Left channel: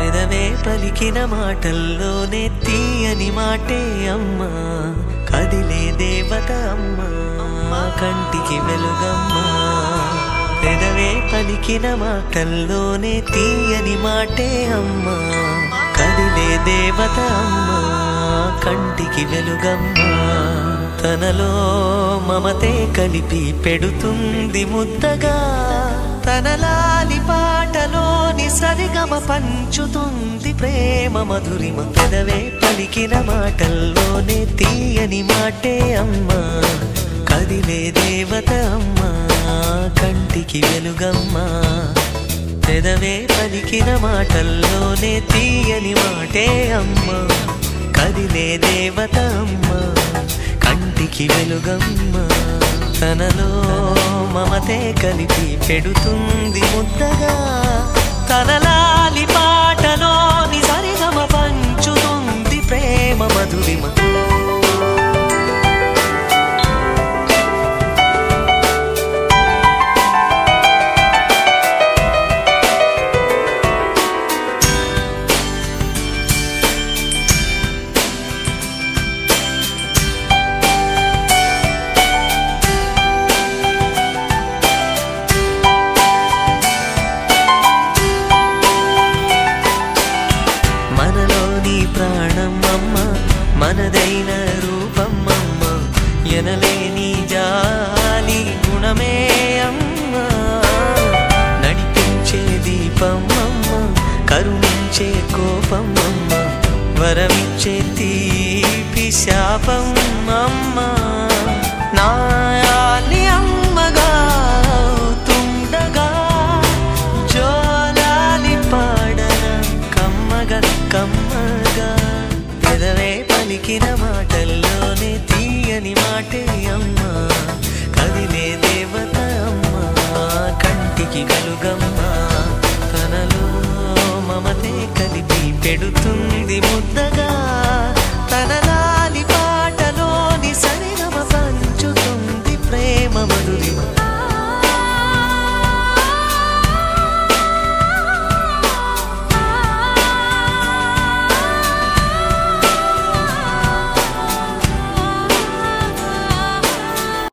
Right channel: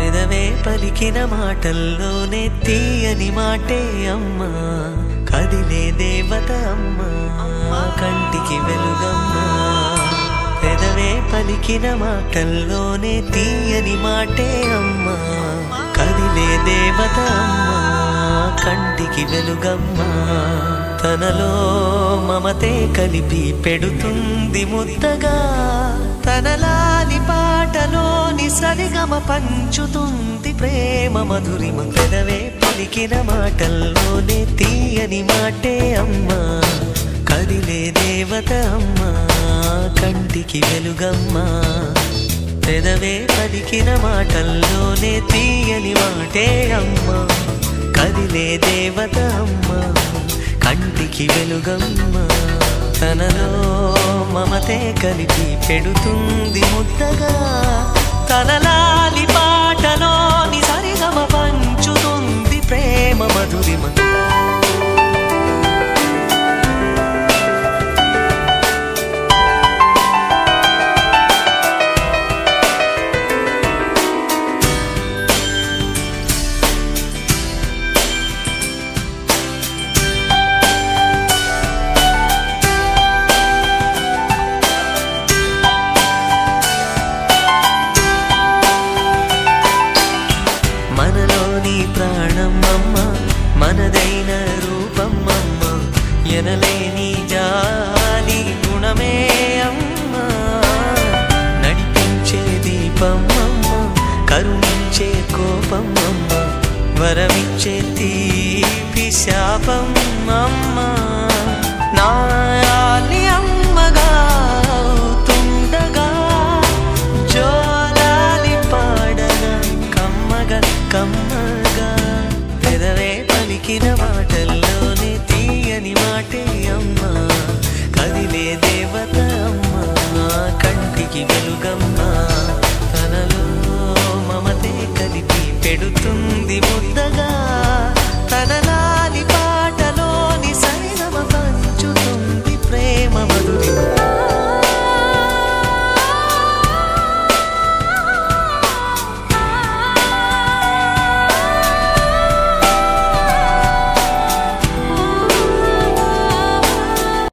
పెదవే పలికిన మాటల్లోనే తీయని మాటే అమ్మా, కదిలే దేవత అమ్మా, కంటికి వెలుగమ్మా. పెదవే పలికిన మాటల్లోనే తీయని మాటే అమ్మా, కదిలే దేవత అమ్మా, కంటికి వెలుగమ్మా. తనలో మమతే కలిపి పెడుతుంది ముద్దగా, తన లాలి పాటలోని సరిగమ పంచుతుంది ప్రేమ మధురిమ. పెదవే పలికిన మాటల్లోనే తీయని మాటే అమ్మా, కదిలే దేవత అమ్మా, కంటికి వెలుగమ్మా. పెదవే పలికిన మాటల్లోనే తీయని మాటే అమ్మా, కదిలే దేవత అమ్మా, కంటికి వెలుగమ్మా. తనలో మమతే కలిపి పెడుతుంది ముద్దగా, తన లాలి పాటలోని సరిగమ పంచుతుంది ప్రేమ మధురిమ. మనలోని ప్రాణం అమ్మ, మనదైన రూపం అమ్మ, ఎనలేని జాలి గుణమే అమ్మ. నడిపించే దీపం అమ్మ, కరుణించే కోపం అమ్మ, వరమిచ్చే తీపి శాపం అమ్మ. నాయాలి అమ్మగా అవుతుండగా, జోలాలి పాడన కమ్మగా కమ్మగా. పెదవే పలికిన మాటల్లోనే తీయని మాటే అమ్మా, కదిలే దేవత అమ్మా, కంటికి వెలుగమ్మా. తనలో మమతే కలిపి పెడుతుంది ముద్దగా, తన లాలి పాటలోని సరిగమ పంచుతుంది ప్రేమ మధురిమ.